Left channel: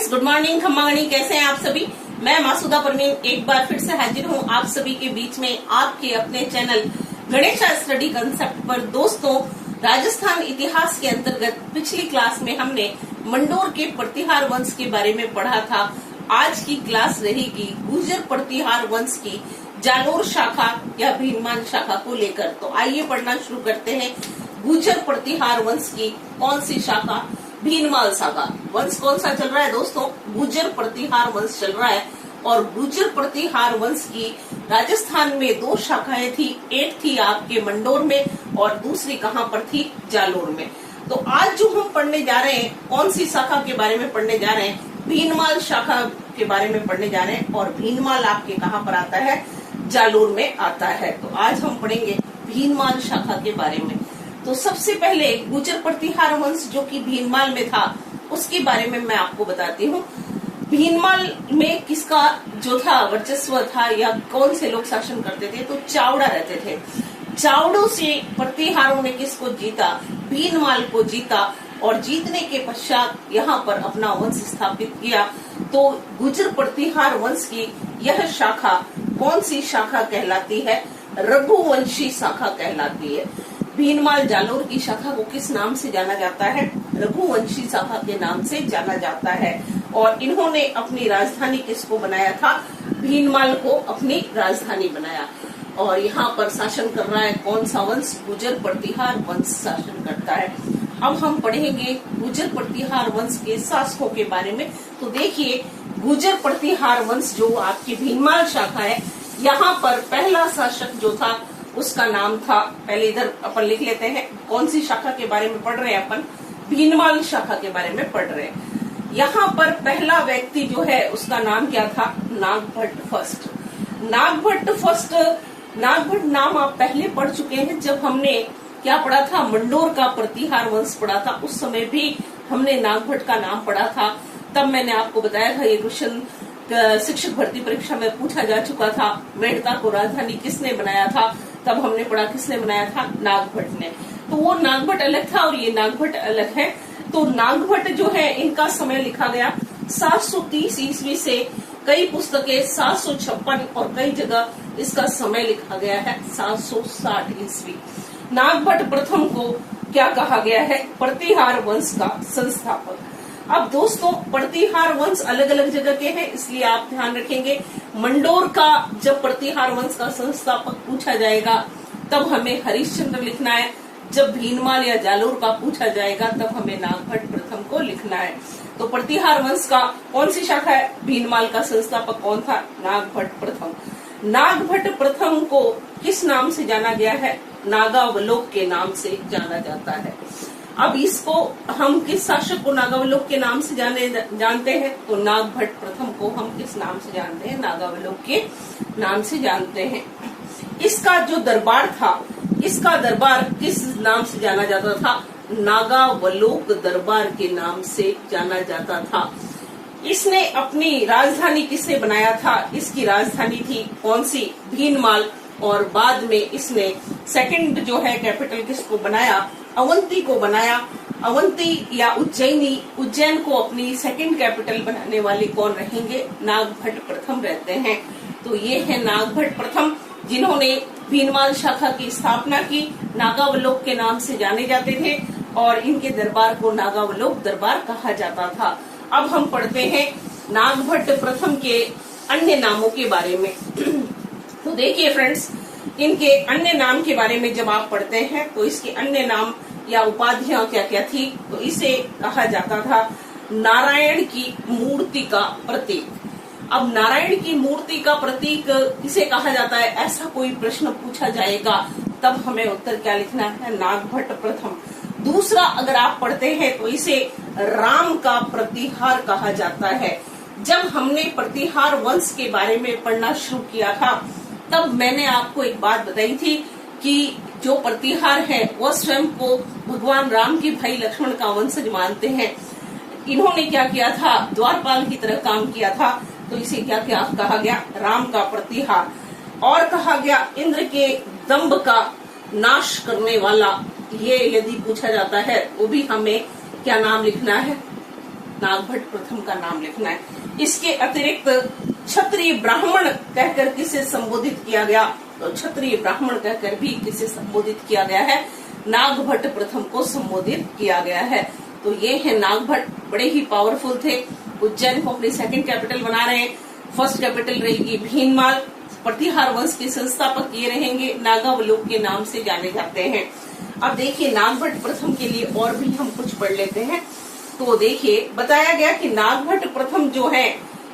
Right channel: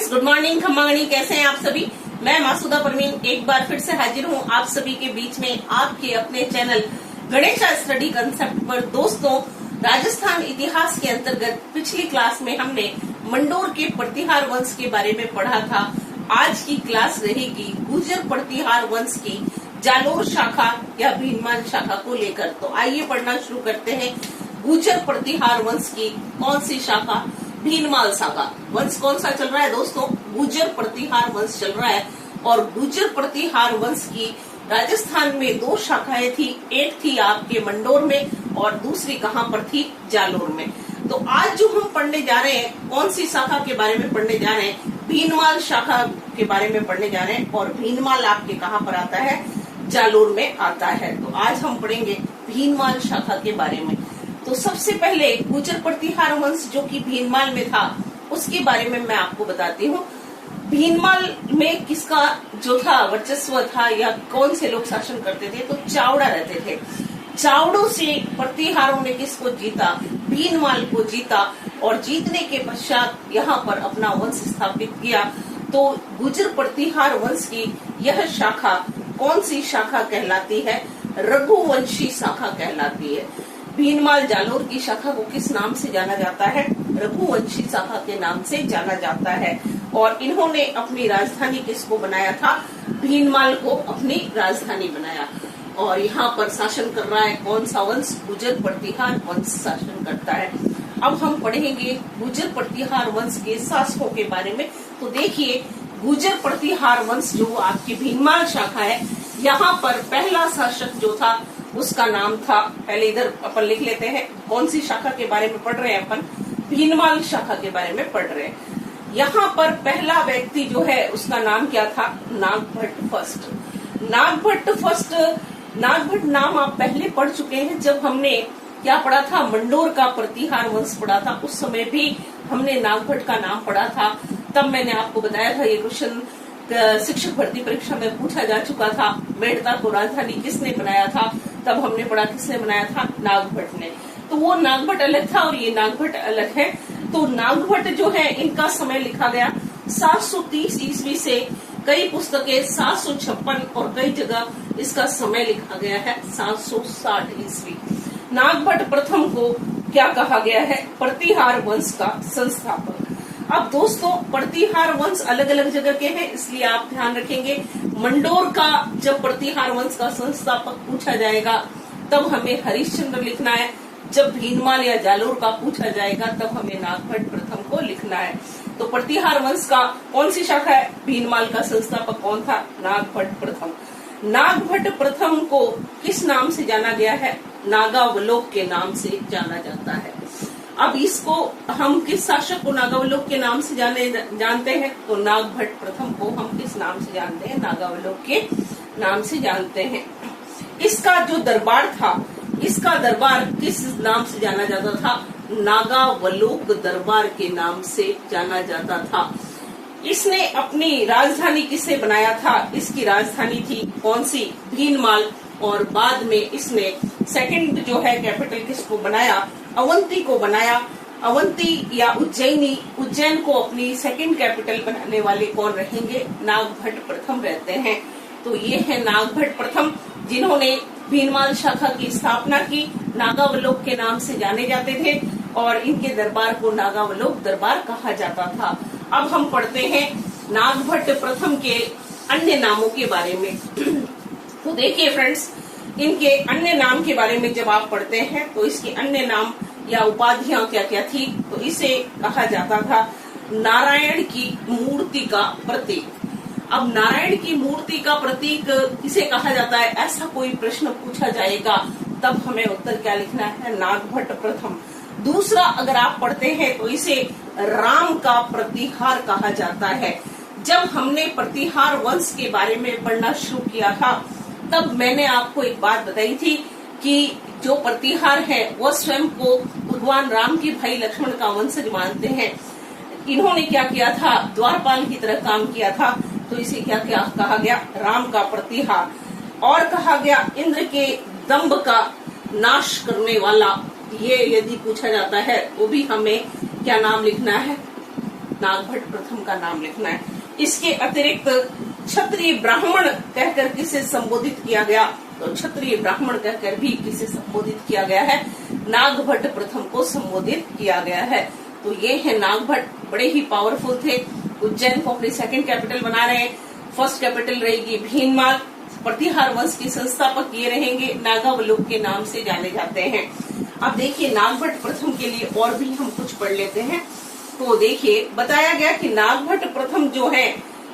Friends, good morning, खम्मागणी। कैसे हैं आप सभी? मैं मासूदा परवीन एक बार फिर से हाजिर हूँ आप सभी के बीच में आपके अपने चैनल गणेश स्टडी कंसेप्ट पर। दोस्तों, राजस्थान इतिहास के अंतर्गत पिछली क्लास में हमने मंडोर के प्रतिहार वंश के बारे में पढ़ा था। आज की क्लास रहेगी गुर्जर प्रतिहार वंश की जालोर शाखा या भीनमाल शाखा को लेकर। तो आइए पढ़ना शुरू करते हैं। गुर्जर प्रतिहार वंश की कौन सी शाखा? भीनमाल शाखा। वंश कौन सा चल रहा है दोस्तों? गुर्जर प्रतिहार वंश चल रहा है। और गुर्जर प्रतिहार वंश की राजस्थान में दो शाखाएं थी। एक थी आपके मंडोर में और दूसरी कहाँ पर थी? जालोर में। तो आज जो हम पढ़ने जा रहे हैं, कौन सी शाखा के बारे में पढ़ने जा रहे हैं? भीनमाल शाखा के बारे में पढ़ने जा रहे हैं। और भीनमाल आपके कहाँ पर आता है? जालोर में आता है। तो आज हम पढ़ेंगे भीनमाल शाखा के बारे में। तो सबसे पहले गुर्जर प्रतिहार वंश जो कि भीनमाल में था उसके बारे में मैं आपको बताती हूँ। भीनमाल में किसका जो था वर्चस्व था या कौन से लोग शासन करते थे? तो चावड़ा रहते थे। चावड़ों से प्रतिहारों ने किसको जीता? भीनमाल को जीता। और जीतने के पश्चात यहाँ पर अपना वंश स्थापित किया। तो गुर्जर प्रतिहार वंश की यह शाखा कौन सी शाखा कहलाती है? रघुवंशी शाखा कहलाती है। भीनमाल जालोर की शाखा को किस नाम से जाना जाता है? रघुवंशी शाखा के नाम से जाना जाता है। और इन्होंने अपनी राजधानी किसको बनाया था? भीनमाल को अपनी राजधानी बनाया। और यहाँ पर शासन कर रहा है कौन सा वंश? गुर्जर प्रतिहार वंश शासन करता है। अब हम पढ़ेंगे गुर्जर प्रतिहार वंश के शासकों के बारे में। तो देखिए, गुर्जर प्रतिहार वंश जो आपकी भीनमाल शाखा है, यहाँ पर पहला शासक जो था उसका नाम था, पहले इधर अपन लिख लेते हैं कौन सी शाखा के बारे में पढ़ रहे हैं अपन? भीनमाल शाखा के बारे में पढ़ रहे हैं। यहाँ पर पहला व्यक्ति जो है उसका नाम क्या था? नागभट्ट फर्स्ट। नागभट्ट फर्स्ट, नागभट्ट नाम आप पहले पढ़ चुके हैं जब हमने क्या पढ़ा था? मंडोर का प्रतिहार वंश पढ़ा था। उस समय भी हमने नागभट्ट का नाम पढ़ा था। तब मैंने आपको बताया था ये क्वेश्चन शिक्षक भर्ती परीक्षा में पूछा जा चुका था। मेड़ता को राजधानी किसने बनाया था? तब हमने पढ़ा किसने बनाया था? नागभट्ट ने। तो वो नागभट्ट अलग था और ये नागभट्ट अलग है। तो नागभट्ट जो है इनका समय लिखा गया 730 ईस्वी से कई पुस्तकें 756 और कई जगह इसका समय लिखा गया है 760 ईस्वी। नागभट्ट प्रथम को क्या कहा गया है? प्रतिहार वंश का संस्थापक। अब दोस्तों, प्रतिहार वंश अलग अलग जगह के हैं, इसलिए आप ध्यान रखेंगे। मंडोर का जब प्रतिहार वंश का संस्थापक पूछा जाएगा तब हमें हरिश्चंद्र लिखना है। जब भीनमाल या जालोर का पूछा जाएगा तब हमें नागभट्ट प्रथम को लिखना है। तो प्रतिहार वंश का कौन सी शाखा है? भीनमाल का संस्थापक कौन था? नागभट्ट प्रथम। नागभट्ट प्रथम को किस नाम से जाना गया है? नागावलोक के नाम से जाना जाता है। अब इसको हम किस शासक को नागावलोक के नाम से जानते हैं? तो नागभट्ट प्रथम को हम किस नाम से जानते हैं? नागावलोक के नाम से जानते हैं। इसका जो दरबार था, इसका दरबार किस नाम से जाना जाता था? नागावलोक दरबार के नाम से जाना जाता था। इसने अपनी राजधानी किससे बनाया था? इसकी राजधानी थी कौन सी? भीनमाल। और बाद में इसने सेकंड जो है कैपिटल किसको बनाया? अवंती को बनाया। अवंती या उज्जैनी, उज्जैन को अपनी सेकंड कैपिटल बनाने वाले कौन रहेंगे? नागभट्ट प्रथम रहते हैं। तो ये है नागभट्ट प्रथम जिन्होंने भीनमाल शाखा की स्थापना की। नागावलोक के नाम से जाने जाते थे और इनके दरबार को नागावलोक दरबार कहा जाता था। अब हम पढ़ते हैं नागभट्ट प्रथम के अन्य नामों के बारे में। तो देखिए फ्रेंड्स, इनके अन्य नाम के बारे में जब आप पढ़ते हैं तो इसके अन्य नाम या उपाधियां क्या क्या थी? तो इसे कहा जाता था नारायण की मूर्ति का प्रतीक। अब नारायण की मूर्ति का प्रतीक किसे कहा जाता है? ऐसा कोई प्रश्न पूछा जाएगा तब हमें उत्तर क्या लिखना है? नागभट्ट प्रथम। दूसरा, अगर आप पढ़ते हैं तो इसे राम का प्रतिहार कहा जाता है। जब हमने प्रतिहार वंश के बारे में पढ़ना शुरू किया था तब मैंने आपको एक बात बताई थी कि जो प्रतिहार है वो स्वयं को भगवान राम की भाई लक्ष्मण का वंशज मानते हैं। इन्होंने क्या किया था? द्वारपाल की तरह काम किया था। तो इसे क्या क्या कहा गया? राम का प्रतिहार। और कहा गया इंद्र के दंभ का नाश करने वाला। ये यदि पूछा जाता है वो भी हमें क्या नाम लिखना है? नागभट्ट प्रथम का नाम लिखना है। इसके अतिरिक्त क्षत्रिय ब्राह्मण कहकर किसे संबोधित किया गया, तो क्षत्रिय ब्राह्मण कहकर भी किसे संबोधित किया गया है, नागभट्ट प्रथम को संबोधित किया गया है। तो ये है नागभट्ट, बड़े ही पावरफुल थे। उज्जैन को अपनी सेकंड कैपिटल बना रहे हैं। फर्स्ट कैपिटल रहेगी भीनमाल। प्रतिहार वंश के संस्थापक ये रहेंगे, नागावलोक के नाम से जाने जाते हैं। अब देखिए नागभट्ट प्रथम के लिए और भी हम कुछ पढ़ लेते हैं। तो देखिए बताया गया कि नागभट्ट प्रथम जो है,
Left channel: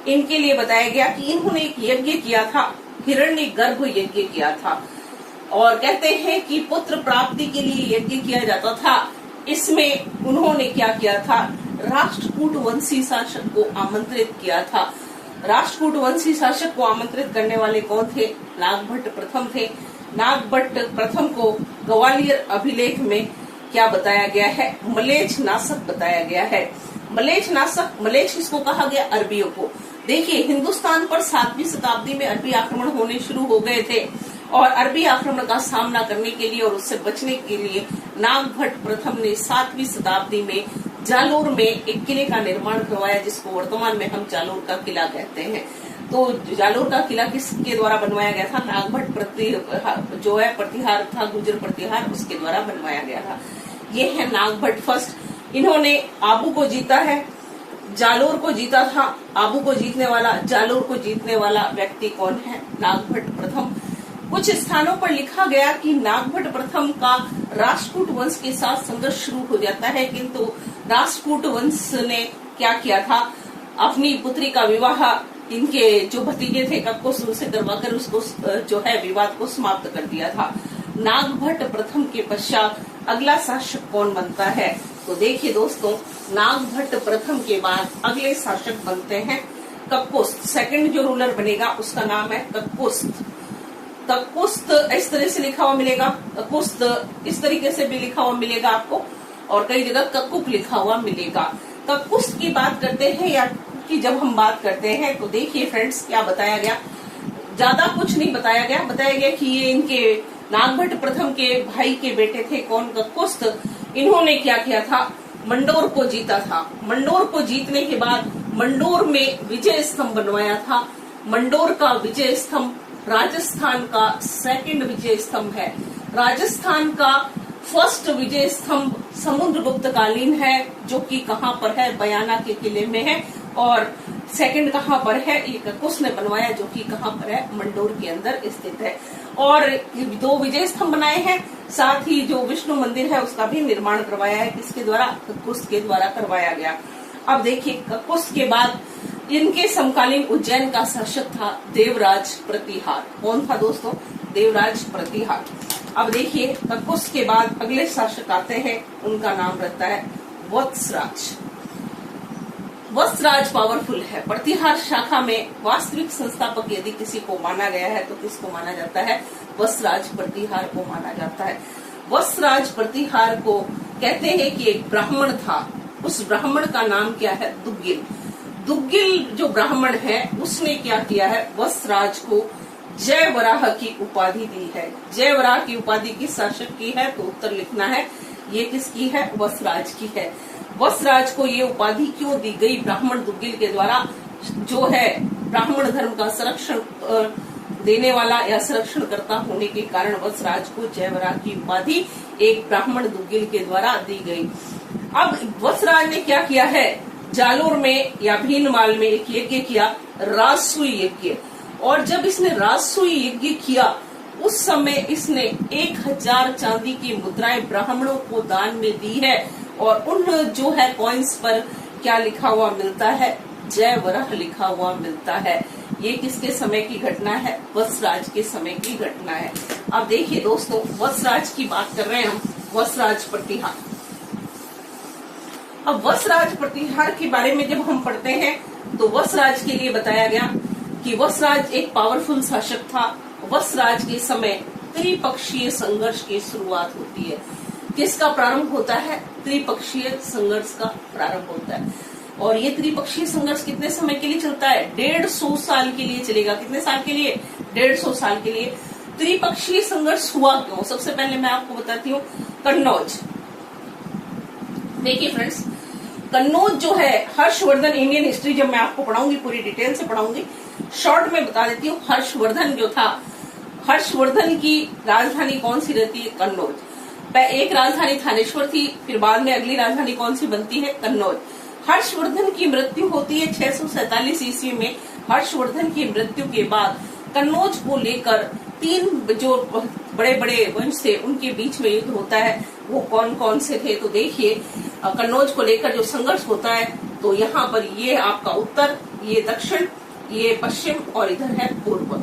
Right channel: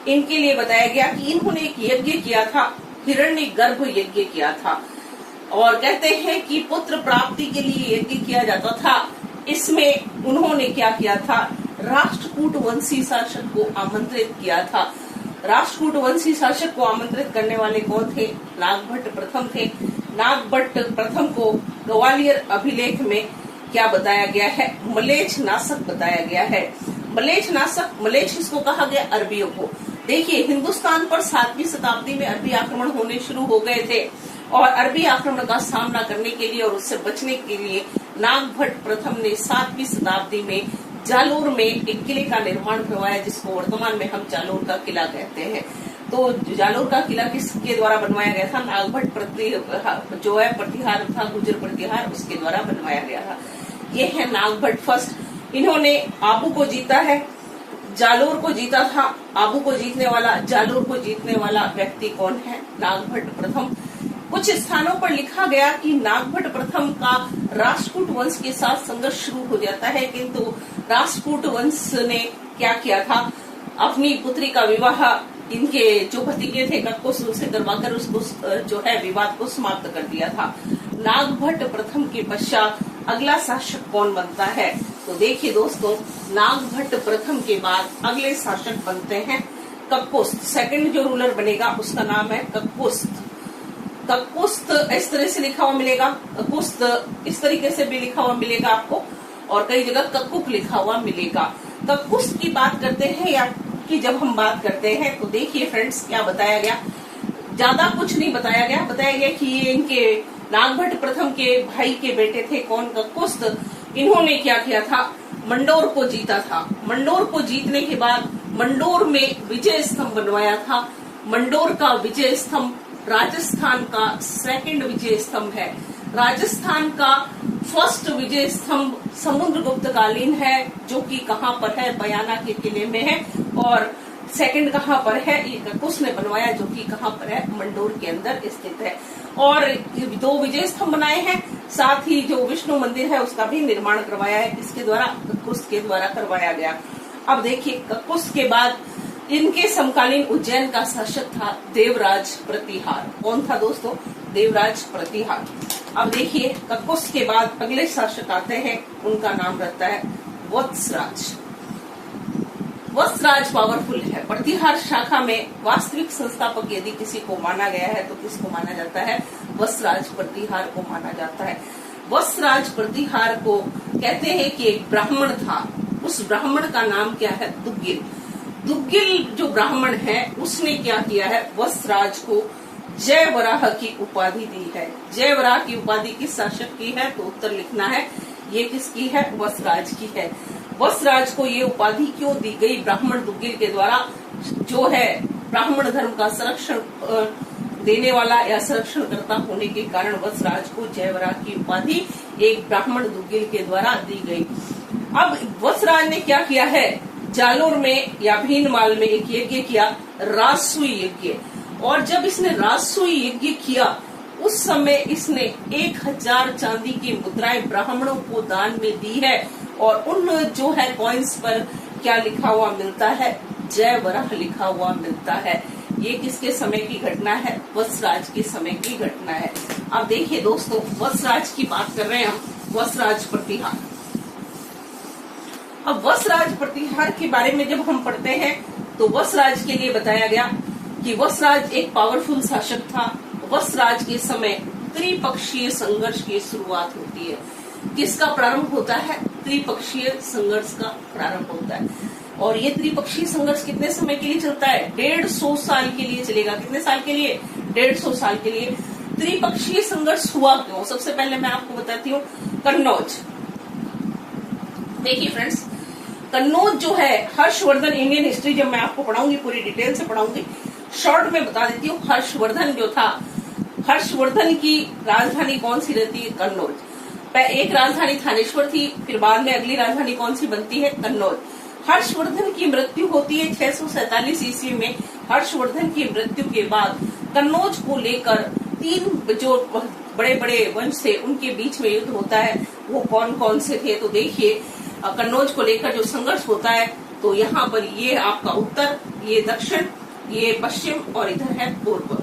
इनके लिए बताया गया कि इन्होंने एक यज्ञ किया था, हिरण्यगर्भ यज्ञ किया था। और कहते हैं कि पुत्र प्राप्ति के लिए यज्ञ किया जाता था। इसमें उन्होंने क्या किया था, राष्ट्रकूट वंशी शासक को आमंत्रित किया था। राष्ट्रकूट वंशी शासक को आमंत्रित करने वाले कौन थे, नागभट्ट प्रथम थे। नागभट्ट प्रथम को ग्वालियर अभिलेख में क्या बताया गया है, मलेच्छ नाशक बताया गया है। मलेच्छ नाशक, मलेच्छ इसको कहा गया अरबियों को। देखिए हिंदुस्तान पर 7वीं शताब्दी में अरबी आक्रमण होने शुरू हो गए थे और अरबी आक्रमण का सामना करने के लिए और उससे बचने के लिए नागभट्ट प्रथम ने 7वीं शताब्दी में जालोर में एक किले का निर्माण करवाया, जिसको वर्तमान में हम जालोर का किला कहते हैं। तो जालोर का किला किसके द्वारा बनवाया गया था, नागभट्ट जो है प्रतिहार था, गुर्जर प्रतिहार, उसके द्वारा बनवाया गया था। ये है नागभट्ट फर्स्ट। इन्होंने आबू को जीता है, जालोर को जीता था। आबू को जीतने वाला, जालोर को जीतने वाला व्यक्ति कौन है, नागभट्ट प्रथम। कुछ स्थानों पर लिखा गया कि नागभट्ट प्रथम का राष्ट्रकूट वंश के साथ संघर्ष शुरू हो जाता है, किंतु राष्ट्रकूट वंश ने क्या किया था, अपनी पुत्री का विवाह इनके जो भतीजे थे कक्कोस से करवाकर उसको जो है विवाद को समाप्त कर दिया था। नागभट्ट प्रथम के पश्चात अगला शासक कौन बनता है, तो देखिए दोस्तों नागभट्ट प्रथम के बाद अगले शासक बनते हैं कक्कोस्त। सेकंड जो रूलर बनेगा उसका नाम है कक्कोस्त। कक्कोस्त इस तरह से लिखा हुआ मिलेगा, कक्कोस्त इस तरीके से भी लिखा हुआ मिलेगा आपको, और कई जगह कक्कुक लिखा हुआ मिलेगा। कक्कोस्त की बात करते हैं या कि जब हम बात करते हैं तो देखिए फ्रेंड्स क्या बताया गया, ज्यादा कुछ नहीं बताया गया। बताया गया कि ये इनके नागभट्ट प्रथम के भाई के बेटे थे कौन, कक्कोस्त। इन्होंने क्या किया था, मंडोर को जीता था। मंडोर को जीतने के बाद मंडोर में विजय स्तंभ बनवाया था। मंडोर का विजय स्तंभ राजस्थान का सेकंड विजय स्तंभ है। राजस्थान का फर्स्ट विजय स्तंभ समुद्रगुप्त कालीन है, जो कि कहाँ पर है, बयाना के किले में है। और सेकंड कहाँ पर है, ये कक्कोस ने बनवाया, जो कि कहाँ पर है, मंडोर के अंदर स्थित है। और 2 विजय स्तंभ बनाए हैं, साथ ही जो विष्णु मंदिर है उसका भी निर्माण करवाया है, इसके द्वारा कक्कोस के द्वारा करवाया गया। अब देखिए कक्कोस के बाद इनके समकालीन उज्जैन का शासक था देवराज प्रतिहार। कौन था दोस्तों, देवराज प्रतिहार। अब देखिए कक्कोस के बाद अगले शासक आते हैं, उनका नाम रहता है वत्सराज। वत्सराज पावरफुल है। प्रतिहार शाखा में वास्तविक संस्थापक यदि किसी को माना गया है तो किसको माना जाता है, वत्सराज प्रतिहार को माना जाता है। वत्सराज प्रतिहार को कहते हैं कि एक ब्राह्मण था, उस ब्राह्मण का नाम क्या है, दुग्गिल। दुग्गिल जो ब्राह्मण है उसने क्या किया है, वत्सराज को जय वराह की उपाधि दी है। जय वराह की उपाधि किस शासक की है, तो उत्तर लिखना है, ये किसकी है, वत्सराज की है। वत्सराज को ये उपाधि क्यों दी गई, ब्राह्मण दुग्गिल के द्वारा, जो है ब्राह्मण धर्म का संरक्षण देने वाला या संरक्षण करता होने के कारण वत्सराज को जयवराह की उपाधि एक ब्राह्मण दुग्गिल के द्वारा दी गई। अब वत्सराज ने क्या किया है, जालोर में या भीनमाल में एक यज्ञ किया, राजसूय यज्ञ। और जब इसने राजसूय यज्ञ किया उस समय इसने 1000 चांदी की मुद्राएं ब्राह्मणों को दान में दी है। और उन जो है कॉइन्स पर क्या लिखा हुआ मिलता है, जय वराह लिखा हुआ मिलता है। ये किसके समय की घटना है, वत्सराज के समय की घटना है। अब देखिए दोस्तों वत्सराज की बात कर रहे हैं हम, वत्सराज प्रतिहार। अब वत्सराज प्रतिहार के बारे में जब हम पढ़ते हैं तो वत्सराज के लिए बताया गया कि वत्सराज एक पावरफुल शासक था। वत्सराज के समय त्रिपक्षीय संघर्ष की शुरुआत होती है। किसका प्रारंभ होता है, त्रिपक्षीय संघर्ष का प्रारंभ होता है। और ये त्रिपक्षीय संघर्ष कितने समय के लिए चलता है, 150 साल के लिए चलेगा। कितने साल के लिए, 150 साल के लिए। त्रिपक्षीय संघर्ष हुआ क्यों, सबसे पहले मैं आपको बताती हूँ कन्नौज। देखिए फ्रेंड्स, कन्नौज जो है हर्षवर्धन, इंडियन हिस्ट्री जब मैं आपको पढ़ाऊंगी पूरी डिटेल से पढ़ाऊंगी, शॉर्ट में बता देती हूँ। हर्षवर्धन जो था, हर्षवर्धन की राजधानी कौन सी रहती है? कन्नौज। एक राजधानी थानेश्वर थी, फिर बाद में अगली राजधानी कौन सी बनती है? कन्नौज। हर्षवर्धन की मृत्यु होती है 647 ईस्वी में। हर्षवर्धन की मृत्यु के बाद कन्नौज को लेकर 3 जो बड़े बड़े वंश थे उनके बीच में युद्ध होता है। वो कौन कौन से थे? तो देखिए, कन्नौज को लेकर जो संघर्ष होता है, तो यहाँ पर ये आपका उत्तर, ये दक्षिण, ये पश्चिम और इधर है पूर्व।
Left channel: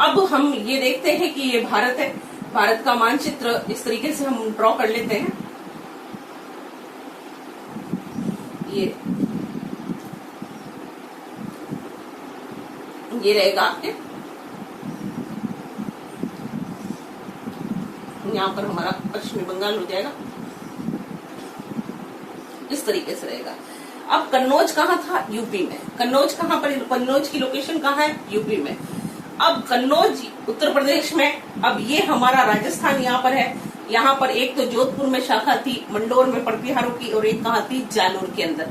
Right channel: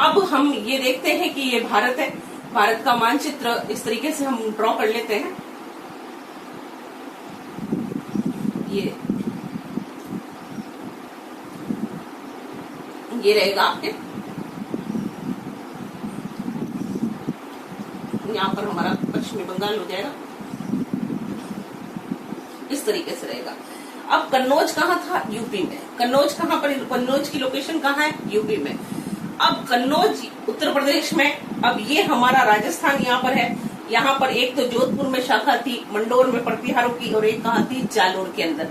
अब हम ये देखते हैं कि ये भारत है। भारत का मानचित्र इस तरीके से हम ड्रॉ कर लेते हैं। ये रहेगा आपके, यहाँ पर हमारा पश्चिमी बंगाल हो जाएगा, इस तरीके से रहेगा। अब कन्नौज कहाँ था? यूपी में। कन्नौज कहाँ पर? कन्नौज की लोकेशन कहाँ है? यूपी में। अब कन्नौज उत्तर प्रदेश में। अब ये हमारा राजस्थान यहाँ पर है। यहाँ पर एक तो जोधपुर में शाखा थी, मंडोर में प्रतिहारों की, और एक कहाँ थी? जालोर के अंदर।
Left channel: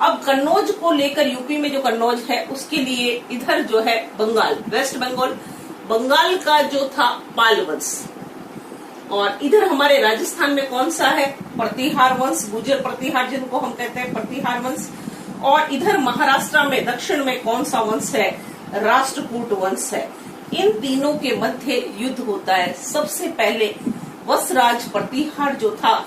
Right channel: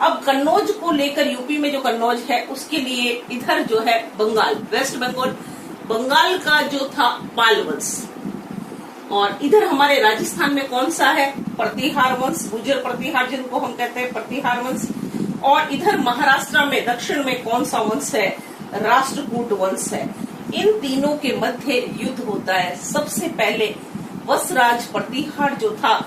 अब कन्नौज को लेकर यूपी में जो कन्नौज है उसके लिए इधर जो है बंगाल, वेस्ट बंगाल, बंगाल का जो था पाल वंश, और इधर हमारे राजस्थान में कौन सा है? प्रतिहार वंश, गुर्जर प्रतिहार जिनको हम कहते हैं, प्रतिहार वंश। और इधर महाराष्ट्र में दक्षिण में कौन सा वंश है? राष्ट्रकूट वंश है। इन तीनों के मध्य युद्ध होता है। सबसे पहले वसराज प्रतिहार जो था,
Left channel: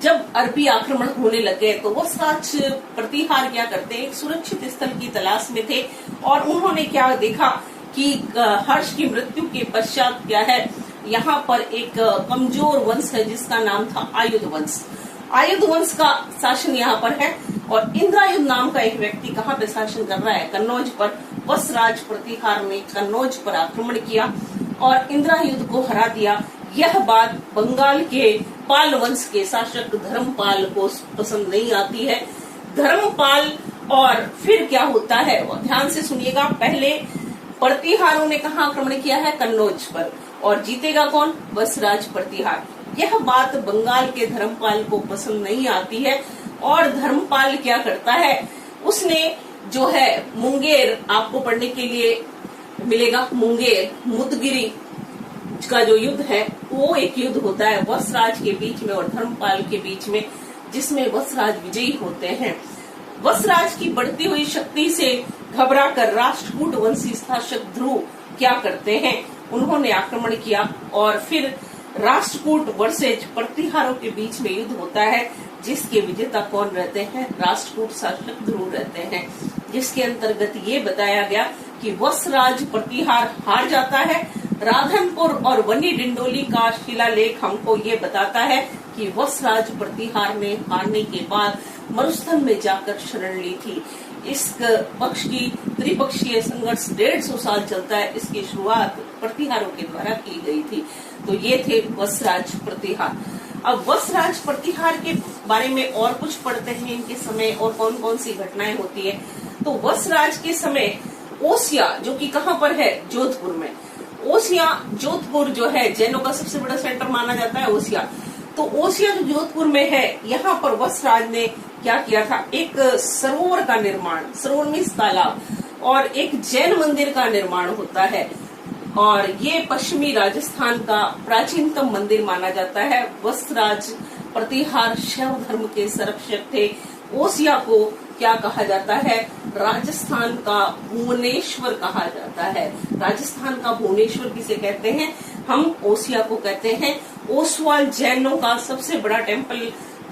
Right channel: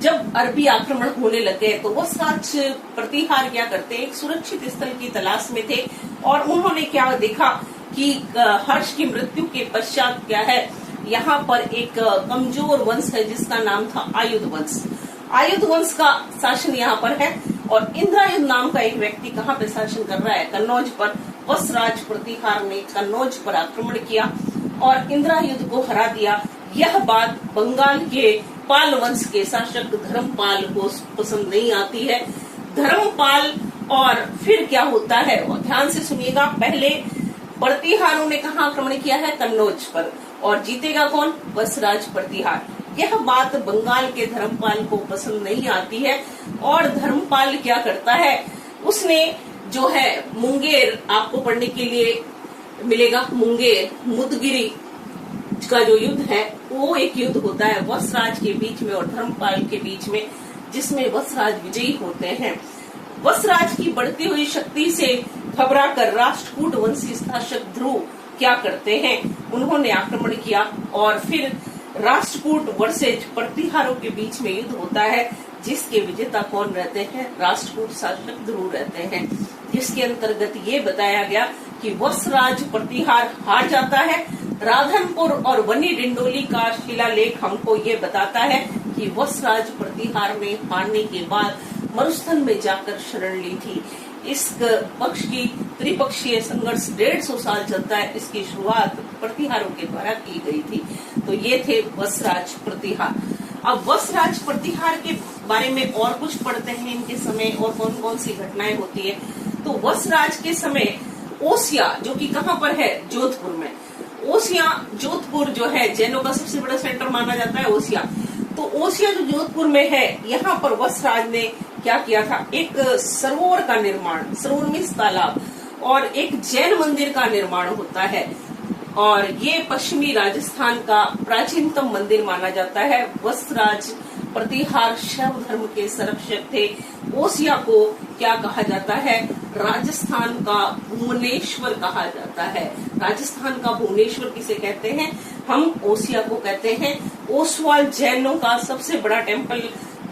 जब अरबी आक्रमण होने लगे तो वसराज प्रतिहार क्या करते? एक सुरक्षित स्थल की तलाश में थे, और उन्होंने क्या देखा कि हर्ष की मृत्यु के पश्चात क्या है, यहाँ पर एक कमजोर वंश है जिसका नाम था आयुध वंश। आयुध वंश का शासन यहाँ पर है, और इंद्रायुध नाम का एक व्यक्ति कहाँ पे शासन कर रहा है? कन्नौज पर। वसराज प्रतिहार ने कन्नौज पर आक्रमण किया और इंद्रायुध को हरा दिया। यह बात बंगाल के पाल वंश के शासक धर्मपाल को पसंद नहीं आती है। धर्मपाल, और फिर क्या होता है ध्यान से सुनिएगा। पहले प्रतिहारों ने कहाँ आक्रमण किया है? कन्नौज पर। और जीतेगा कौन? वसराज प्रतिहार। यह बात बंगाल के धर्मपाल को पसंद नहीं आती है, और धर्मपाल क्या करता है? उसने जो है मुंगेर, आपको पढ़ने के लिए मिलेगा, मुंगेर मुदगिरी का जो युद्ध है वो एक युद्ध होता है वसराज के बीच में और धर्मपाल के बीच में, जिसमें वसराज विजयी होते हैं। वसराज की बढ़ती हुई शक्ति से घबराकर राष्ट्रकूट वंशी शासक ध्रुव क्या करते हैं? उन्होंने आक्रमण किया, और फिर राष्ट्रकूट वर्सेज प्रतिहारों के बीच में युद्ध होता है, जिसके विजेता कौन रहते हैं? राष्ट्रकूट शासक ध्रुव रहते हैं। जिसके अंतर्गत ये बताया गया कि वसराज प्रतिहार हार जाता है। राधनपुर और वनी डिंडोली का शिलालेख हमको ये बताता है कि वसराज प्रतिहार ने हारने के बाद मरुस्थल में जाकर शरण ली थी। इस पक्ष की त्रिपक्षीय संघर्ष 150 साल चलता है। इसकी शुरुआत प्रतिहारों के द्वारा की गई थी। तो ये थे वसराज प्रतिहार। अब वसराज प्रतिहार के बारे में और कुछ पढ़ते हैं, इनके समय और कौन कौन सी घटनाएं होती है। तो वसराज के समय ओसिया, जो कि कहाँ पर है? जोधपुर में। ओसिया जोधपुर जो है जैनों का सबसे बड़ा सेंटर माना जाता है ओसिया। तो ओसिया जो जोधपुर में है, यहाँ पर वसराज ने क्या किया था? एक सरोवर का निर्माण, सरोवर मीन्स तालाब, और एक जैन मंदिर का निर्माण होता है, और ये पश्चिमी राजस्थान का प्राचीनतम मंदिर माना जाता है। वसराज प्रतिहार शैव धर्म के संरक्षक थे। ओसिया को क्या कहा जाता है? राजस्थान का भुवनेश्वर कहा जाता है। राजस्थान का भुवनेश्वर किसे कहते हैं? हम ओसिया को कहते हैं। ओसवाल जैनों का सबसे बड़ा टेम्पल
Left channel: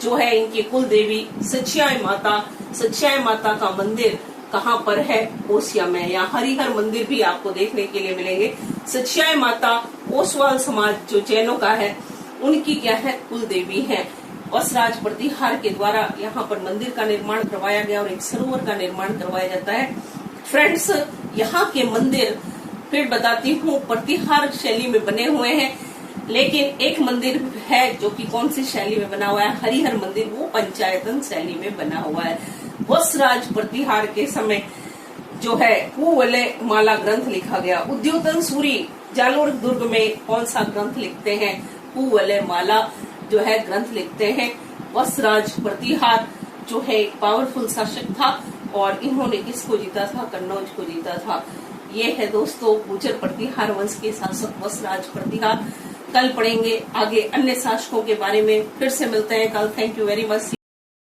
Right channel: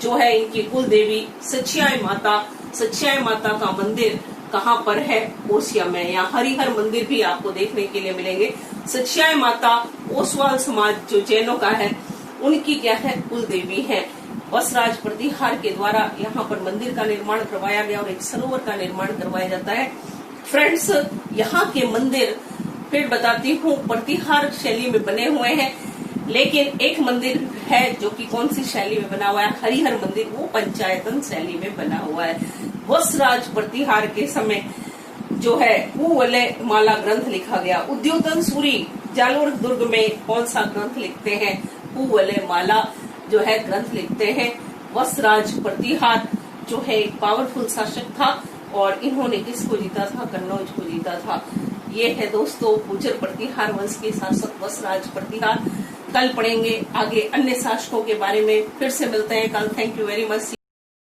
जो है, इनकी कुल देवी सच्चाई माता, सच्चाई माता का मंदिर कहाँ पर है? ओसिया में। यहाँ हरिहर मंदिर भी आपको देखने के लिए मिलेंगे। सच्चाई माता ओसवाल समाज जो जैनों का है, उनकी क्या है? कुल देवी है। वसराज प्रतिहार के द्वारा यहाँ पर मंदिर का निर्माण करवाया गया और एक सरोवर का निर्माण करवाया जाता है। फ्रेंड्स, यहाँ के मंदिर फिर बताती हूँ प्रतिहार शैली में बने हुए हैं, लेकिन एक मंदिर है जो कि कौन सी शैली में बना हुआ है? हरिहर मंदिर, वो पंचायतन शैली में बना हुआ है। वसराज प्रतिहार के समय जो है पूवले माला ग्रंथ लिखा गया। उद्योतन सूरी जालोर दुर्ग में कौन सा ग्रंथ लिखते हैं? पूवले माला जो है ग्रंथ लिखते हैं। वसराज प्रतिहार जो है एक पावरफुल शासक था और इन्होंने किसको जीता था? कन्नौज को जीता था। ये है दोस्तों गुर्जर प्रतिहार वंश के शासक वसराज प्रतिहार। कल पढ़ेंगे आगे अन्य शासकों के बारे में। फिर से मिलते हैं कल। Thank you very much.